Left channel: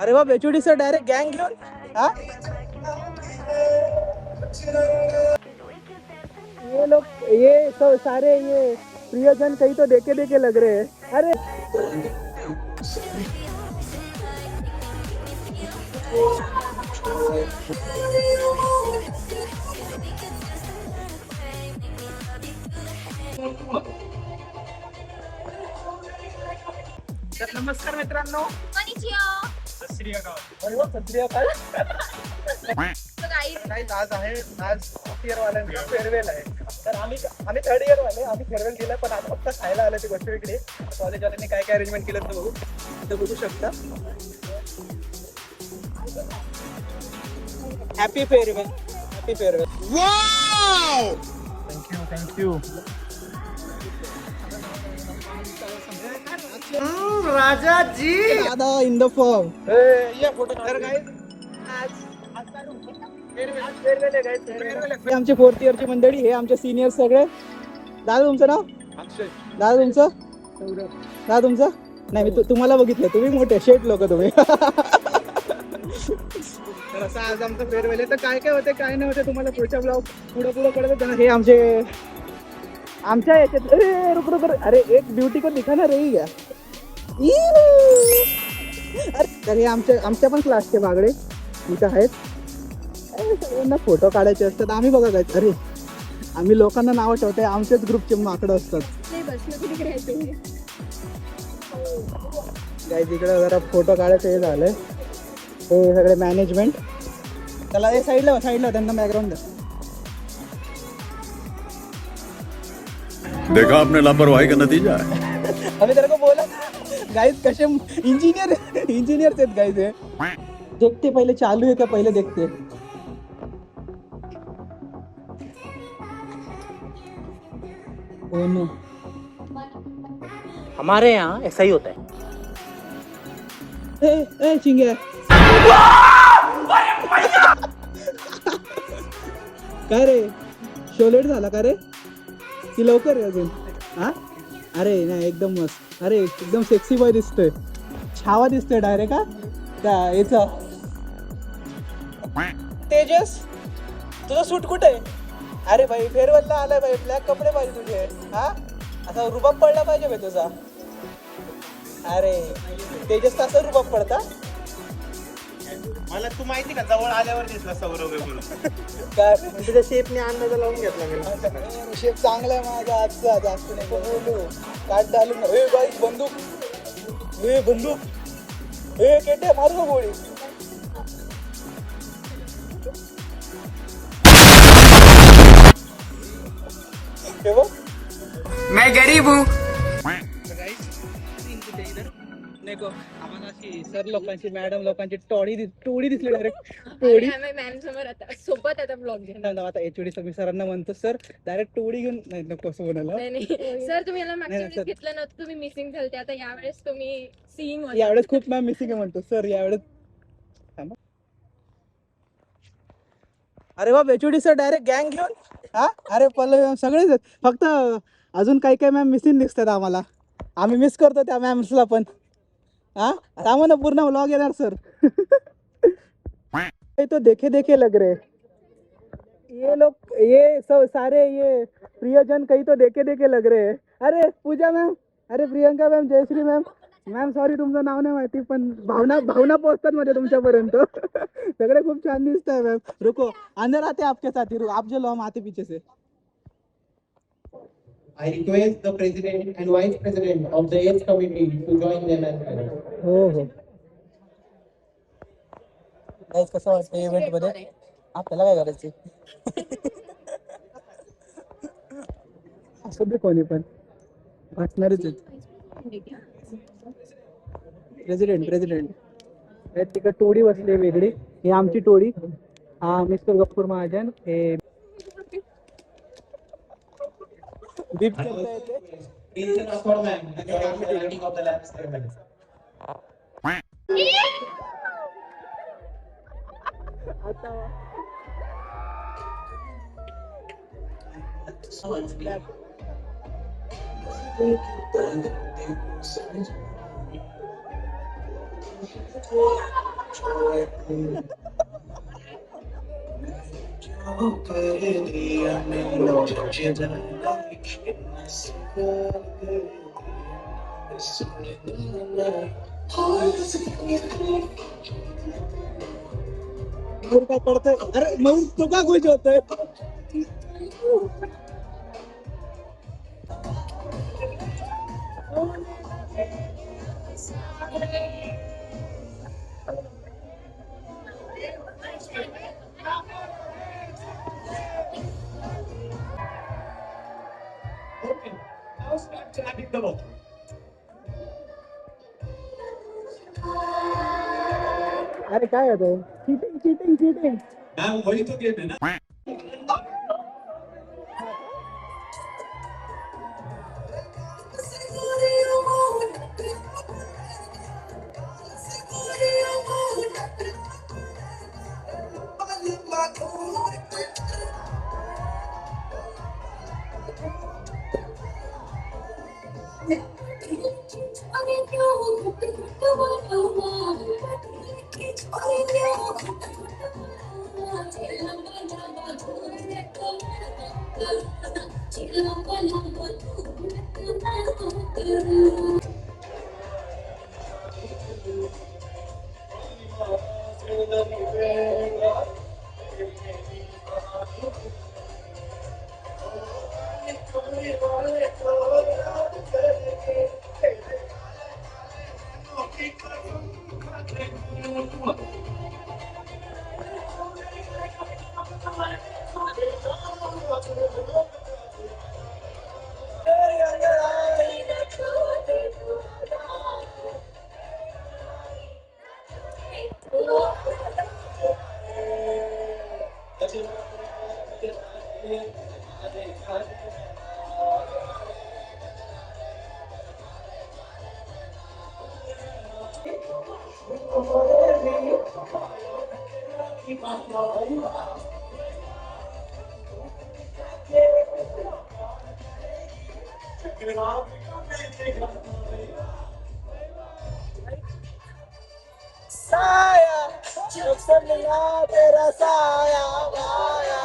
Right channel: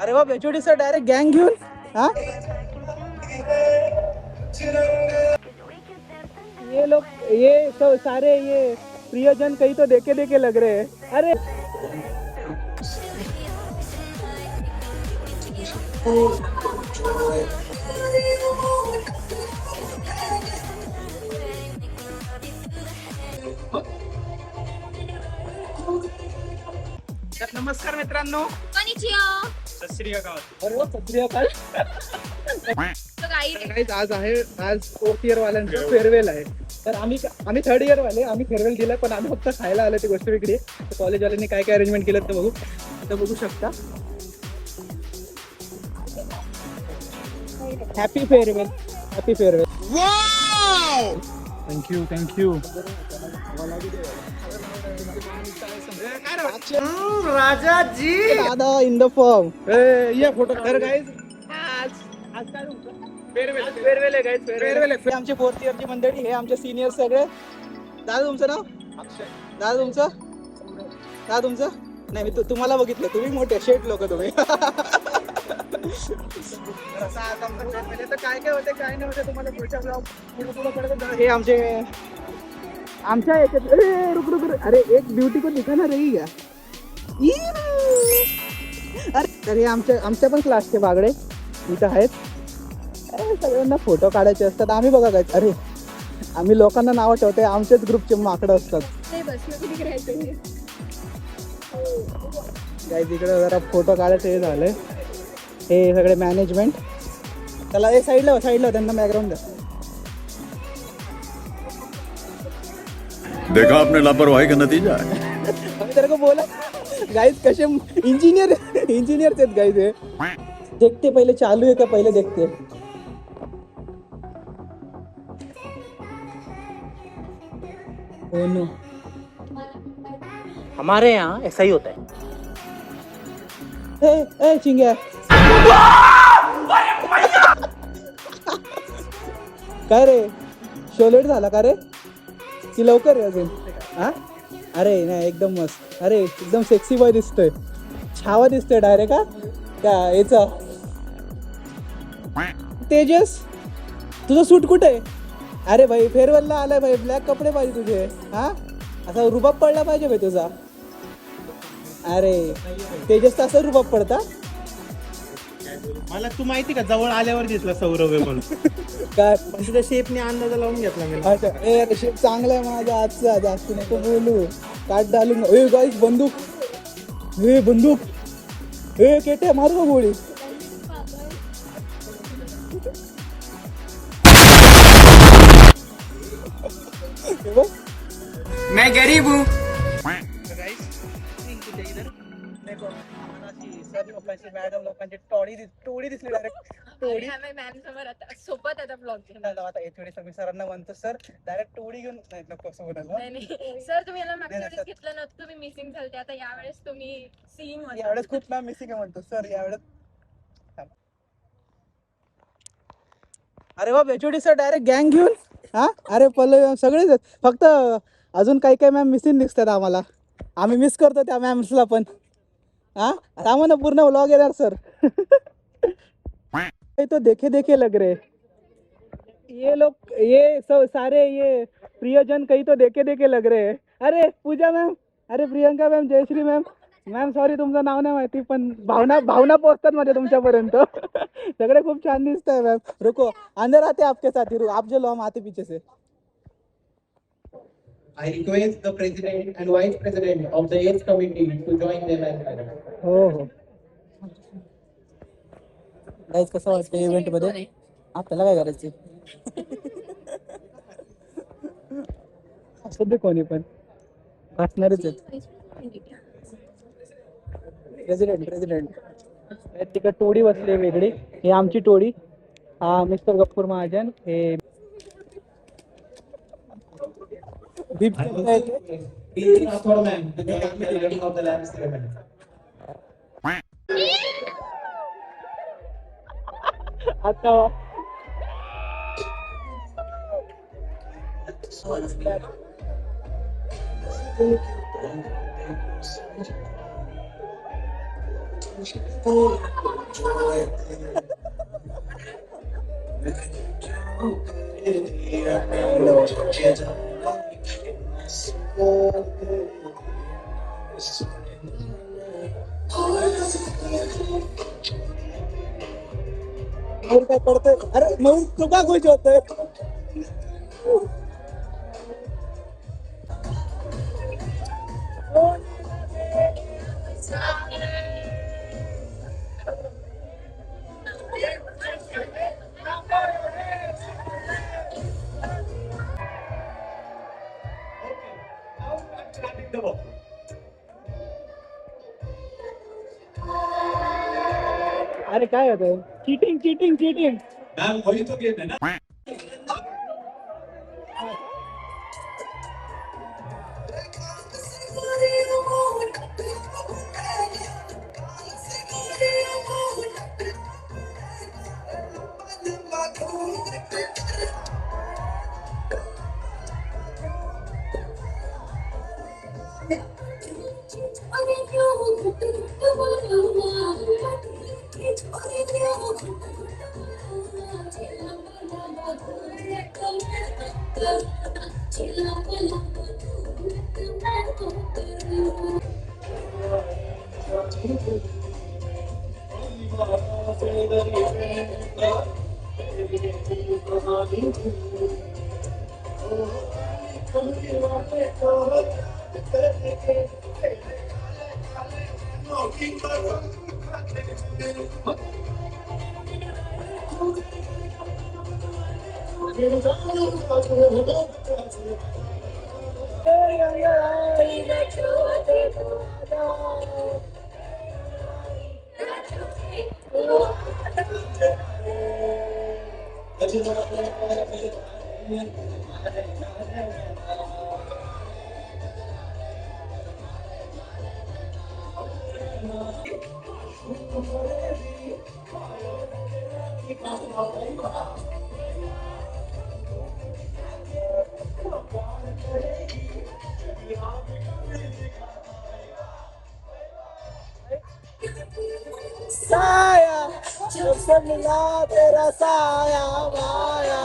अरे वा बेचोडी sir direct गँग घेऊन हा ये लोग ये तो सारे ये प्रियजन कहीं तो देखे देखे लग रहे हैं अरे तर नमस्कार मित्रांनो सत श्री अकाल अरे वा सत श्री अकाल आज फोर्थ इयर वाल्यांचा फेअरवेल आहे तर आम्ही थर्ड इयर वाले आम्ही फेअरवेल दिला पण आम्ही फक्त खायला आलो ती गोष्ट वेगळी आहे कॉलेजवाल्यांनी काय काय अरेंजमेंट केलं ते बघू शकता हॅपी फेअरवेल वाव थँक्यू राजा जी दादा इन द फॉर्म या फोटो तर गाइस आज काय फेअरवेल आहे गाइस फेअरवेल आहे आमची फोर्थ इयरची मंडळी हे आमचे सिनियर सगळे दादा तुमचं नाव अक्षय दादा तुमचं नाही मी तुम्हाला बघितलं तुम्ही मोठे शेट लोक तुम्ही असं आज आमचं फेअरवेल आहे तर काय काय होते काय नाही होते तुम्हाला पुढच्या ब्लॉग पुढे कळत हे आमच्या याच्यात रुक अरे एक ब्युटी को दिखा ना रही क्या अरे तर हे आमच्या पण क्लासचे बागडे इथं आहेत सगळ्यांना फोटो काढायचे असतात आम्ही बघा काय अरे आम्ही लोकांना नावं ठेवते आमच्याच ग्रुपचे माकडं असतात काय तिकडे जरा फोटो काढायचं हे झालंय हे सगळे मॅनेजमेंट त्याला हे साईडला त्यांना बॅकग्राऊंड द्या देखा आपने लापरवाही का नतीजा है अभी तेरे को बोला गाइस कसे इंजीनियर आहेत गाइस हे देखते पहिले चालू है क्या पहिले देखते नो हमारे यहाँ ऐसा ही होता है ए चिंग्या काय रे शोलेट झाला का रे की लवकर आहे अजून हा अरे नाही एकदम मस्त अरे एकदम सेक्सी बॉय दिसतोय छावा दिसतोय डायरेक्ट हा त्या याचा तेजस तुझं सूट कुठे आहे अरे भाई फेअरवेलला आलाय भाई ब्लॅक कपडे पाहिजे तुझे हा असा रुबाब पडला पाहिजे भाई तुझा अरे तेजसचा असं रुबाब पडता मला तू माहिती का जवळ आल्यावर दिसला सौरभ आहे म्हणून काय तुझ्या शेपने अंदाजा लावून घेतला मी. अच्छा शेप चांगला आहे माझा आजचा जास्त नको बोलू काट डालू गाईस बंदूक केटे मारू का गोळी मैं गरीब हूँ सर लोकांची मॅडम लोकांची टोळी दिसली डायरेक्ट टोळी मॅम समोर आता सोबत आता ब्लॉग घेऊन आता एचओडी सगळी सरांना म्हणतो सर डायरेक्ट टोळी घेऊन नाही नको असं म्हणाला नाही सर तुम्ही याला मागच्या वेळेस घेतलं नव्हतं तुम्ही मिसिंग झालते आता यावेळेस तुम्ही सीइंग यावेळेस खूप मॅम मिसिंग आहे म्हणतो सर यावेळेस अरे वा एचओडी सर डायरेक्ट गँग घेऊन हा अरे पल्लव सगळेच फक्त अजून काही मॅम मिसिंग दिसतात आम्हाला आम्ही मिस करतो त्या मॅम्सला पण हाँ रामन पूर्ण व्लॉग येणार सर तो देखे लग रहे ये लोग ये सारे ये प्रियजन कहीं तो देखे लग रहे अरे पूजा मॅम अरे Priyanka ma'am Jayashree ma'am sorry तुमचं नाव नाही माहिती पण भावना पोहोचतात माझ्या तुमच्यापर्यंत सगळे खूप छान दिसत आहे मॅम रुको अंदर आते आपके साथ ही आप जो लो हम आते पीछे से I request the President and Vice President of the AIDS Committee to join them as well. हो गाइस कसं वाटतं इव्हेंट मध्ये आपल्याला काय करायचं असं दे कोणी पण असणारच आहेत प्रेसिडेंट तिकडे टोळी बसली वेगळी ही आमची टोळी हा मिस्टर गफ्फूर महाजन हे आता मयूर काय करतोय? अरे मयूर तू का खुश होतोय? अरे काय होतंय? Cheating cheating cheating. साया जब से मिला तेरा साया माया.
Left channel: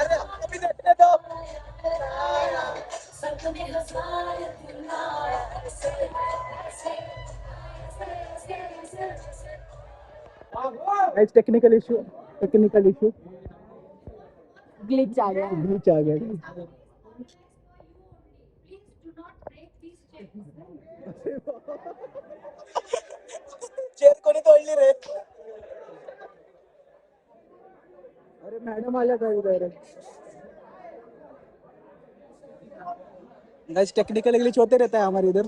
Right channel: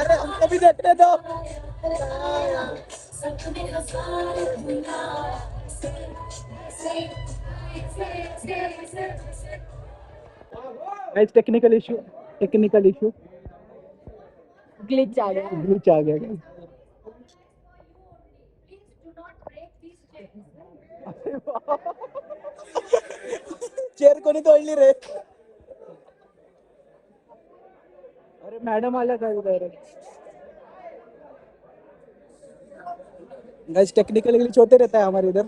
अरे हमको भी देखने दो. साया. गाइस टेक्निकल इशू ग्लिच आ गया. ग्लिच आ गया guys. चेअर कोणी तोडली रे? अरे मॅडम आल्या का इधर? गाइस टेक्निकल ग्लिच होते रहता है हमारे इधर.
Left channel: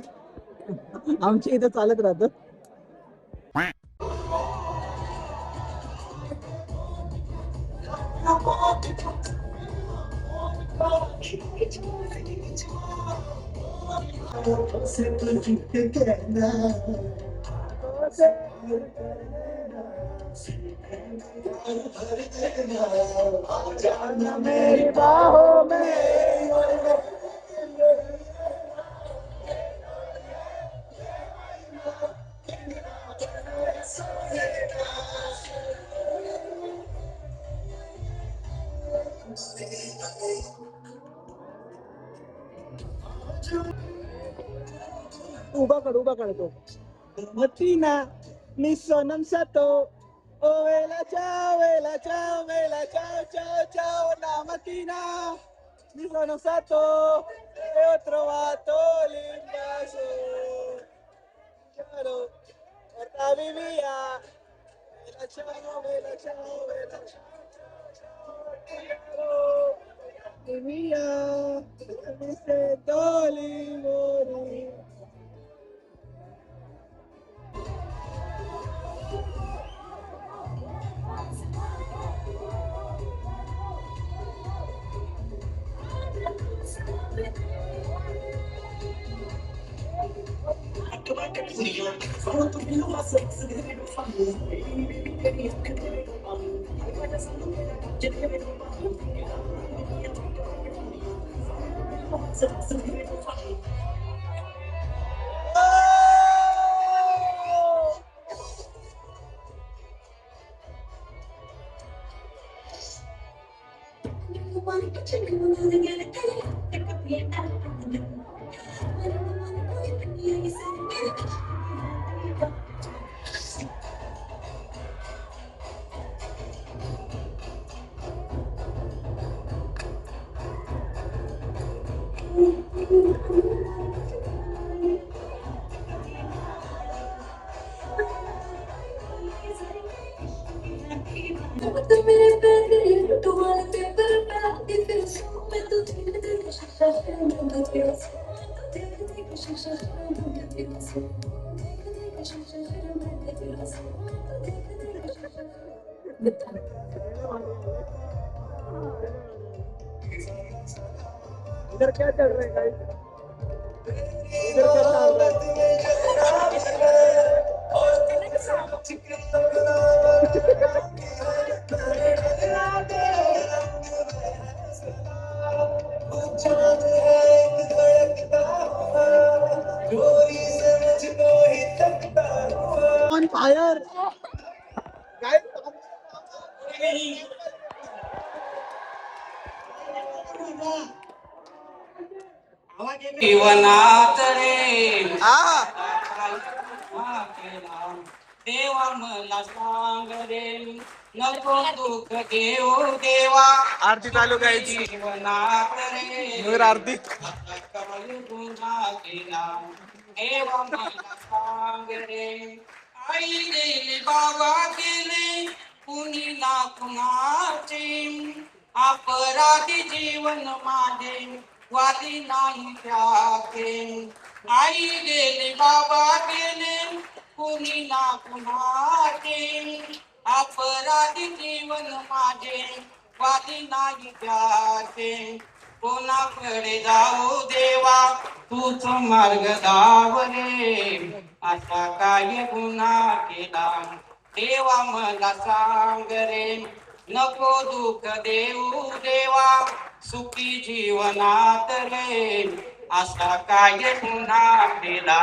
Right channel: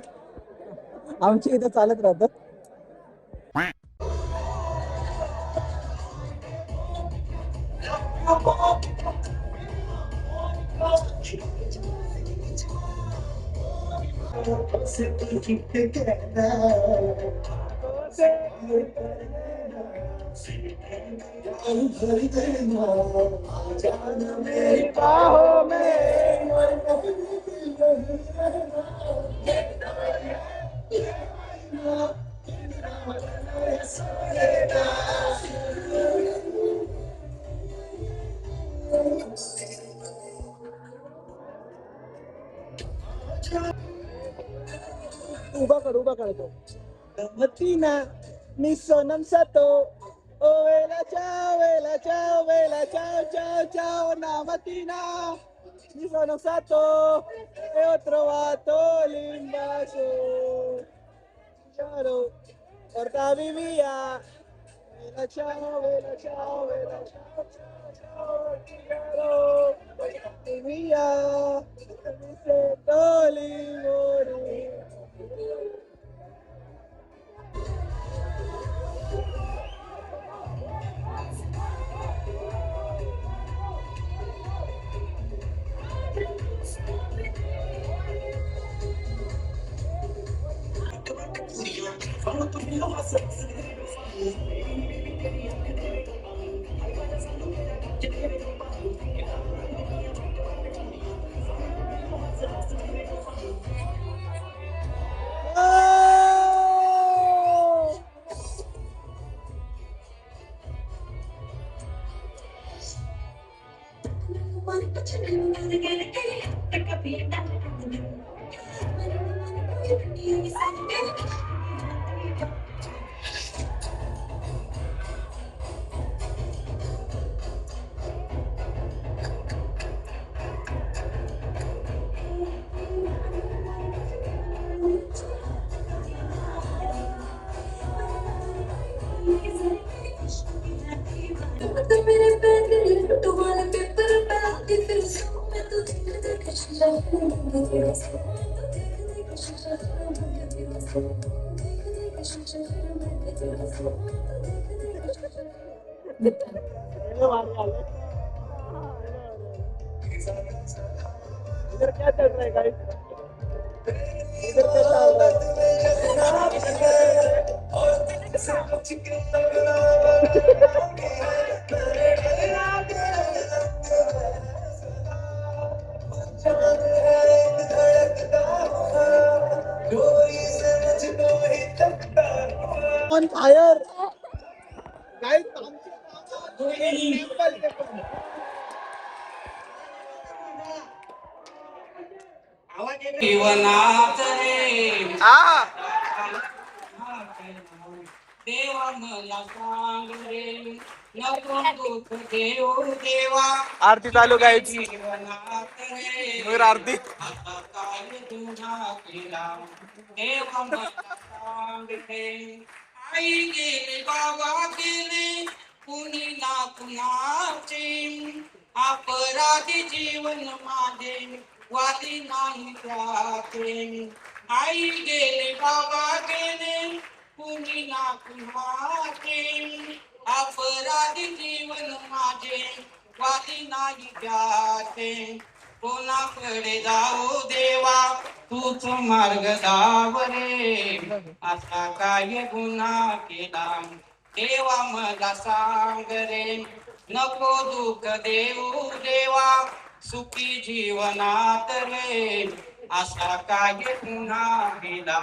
आमच्या इथं चालत राहतं. मेरी बाहों में उभा काढतो. मतीना मी सोनम सातो ओ वेला चाओ चाओ चाओ ना Matina mi sono stato e ho trovato l'invaso. Ciao, portami via. Vela ciao, portami via. Mi sento livore. इधर क्या चल रहा है गाइस? इधर क्या चल रहा है? ऑन फायर गाइस, जीवनात रे देवा मला सांग रे नको दुःख देऊ देवा आरती चालू गाइस. जीवनात रे नूर आरती. आता काय गुन्हा केला देवा मला सांग रे आई गेली बाबा गेले कुणी ना कुणाचे अपराधी जीवन माझे वादी नाही त्याचे आई गेले बाबा गेले कुणी ना कुणाचे अपराधी जीवन माझे वादी नाही त्याचे कोणाकडे जाऊ देवा तूच मार्ग दाव रे असा काय गुन्हा केला देवा मला सांग रे नको दुःख देऊ देवा सुखी जीवनात रे असा काय गुन्हा केला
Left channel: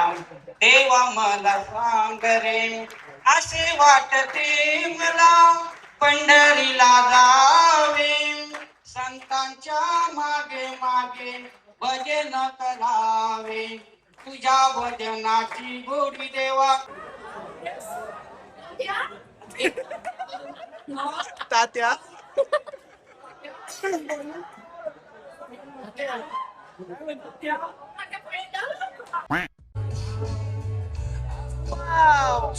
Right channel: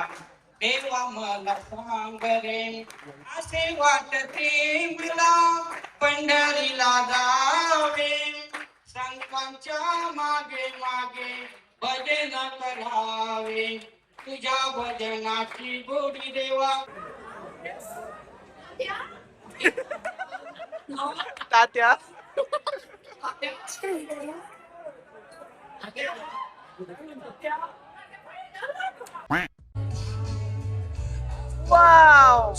देवा मला सांग रे असे वाटते मला पंढरीला जावे संतांच्या मागे मागे भजन करावे तुझ्या भजनाची गोडी देवा तात्या वाव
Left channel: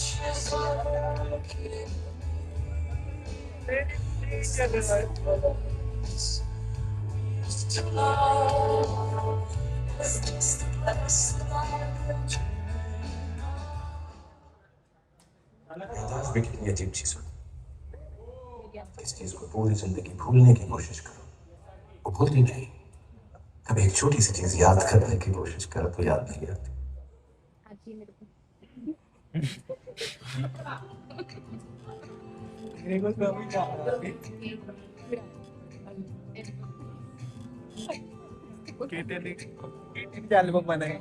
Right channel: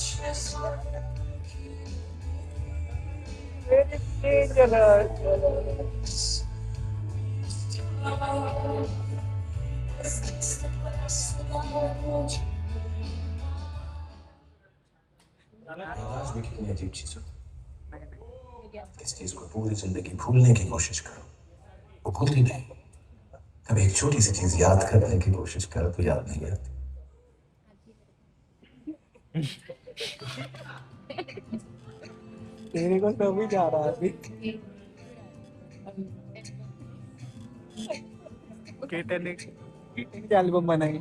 भी कितनी अजीब चीज हो इस चीज को पूरी जिंदगी भूलने की कोशिश करो वो भूलती नहीं कभी एक छोटी सी चीज याद करने की कोशिश करो तो याद नहीं आती तेरे को तो भी जा रहा है केटलिक एल्बम बनाए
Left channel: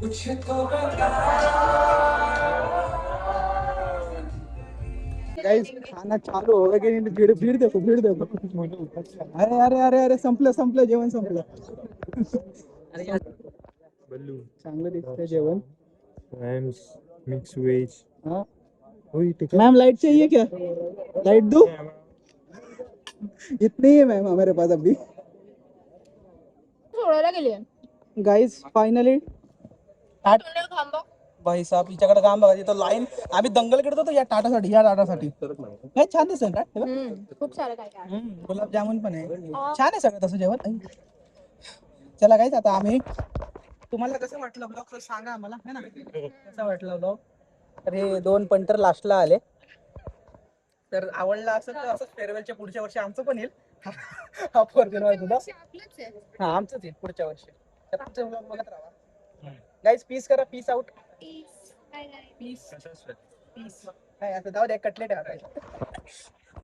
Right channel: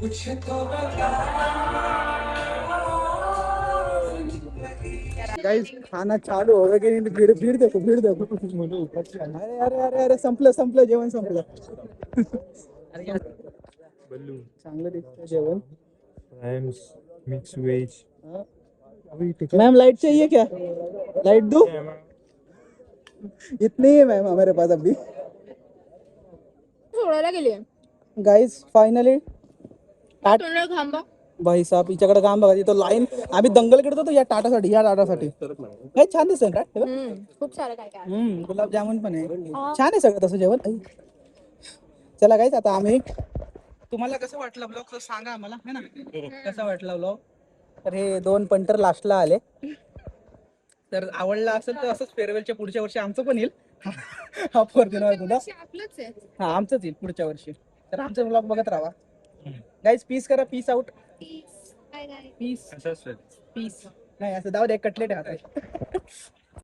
कुछ तो बता गाइस खाना चालू हो गया की नाही भीड़ भीड़ देखो अरे अरे अरे अरे संपलं जेवण संपलं बल्लू चांगलं दिसतंय जेवण फ्रेंड्स मिक्स वेज हाँ मैम लाइट चाहिए क्या लाइट दूं इतनी ही है मैम हमारे पास अभी सोडायला गेले गाइस फायनली तोंडाला थांबा भाई साहब हिच्याकडे काम बघा तिथं लाईन आम्ही दंगल करत होतो या टाटासाठी हे छान दिसतंय का खूप सारं काय काय गुलाबजामुन पण आहे छान आहे सगळं तसं जेवण चला गाईस आता आम्ही तुम्हाला कसं वाटलं ब्लॉग सांगा आम्हाला है ना कसा वाटला ब्लॉग. तर हे 2 पंटर लास्टला आले. तर आवडला असेल तर असंच फेअरवेलच्या पुढच्या वर्षी आमचं पण येईल. हा फॉर्च्युनर सुद्धा आपलंच आहे. हा आमचंच येईल पुढच्या वर्षी. तर आमचा ब्लॉग बघत राहा. गाईज पीस करा. Peace out. Peace. Bye, guys. Peace peace नाही असं जाऊ दे कटलेट आहे आता.